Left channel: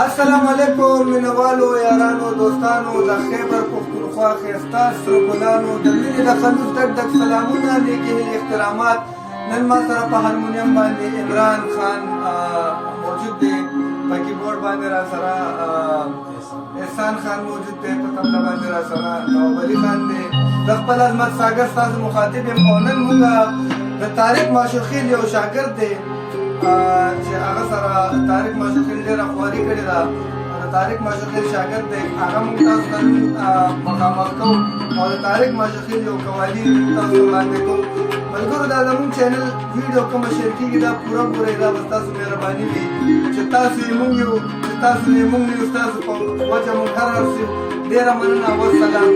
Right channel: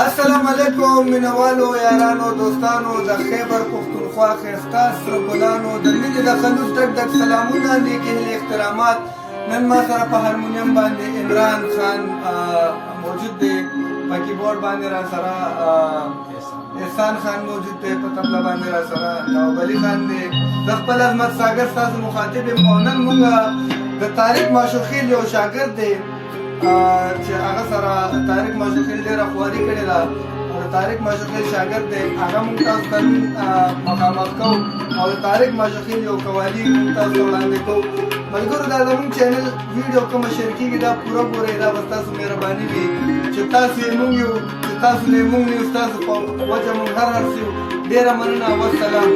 السلام علیکم مینوالو یارانو دوستانو د خیبر پښتونخوا ښایسته سره ګلانو د مینې د خلوص ډک ډک سلامونه نیکې هیلې احترامات. نن ما سره په هارمونیم باندې عمران خان موجود دی، په کیبورډ باندې را سره احسان خان موجود دی، په تبله باندې را سره نواب علي خان دی. د خپل عظمت ساګر ستاسو مخاطب یم او نن موږ د طارق ماشوخیل یو شاګرد دی چې هغه سره طارق ماشوخیل ډېره خواري کړې ده او د طارق ماشوخیل شاګرد دی. هغه موږ تاسو ته مخامخ کوو او د طارق ماشوخیل یو قوالي تاسو ته وړاندې کوو. ملګرو دا زموږ چینل ویډیو کومه شیر کېږي دا پوره ګورئ، دا به ستاسو مهرباني وي چې تاسو یې موږ یو چې تاسو یې موږ نه یو، ستاسو په وجه موږ هر هر څه یو. ډېره مننه، والسلام.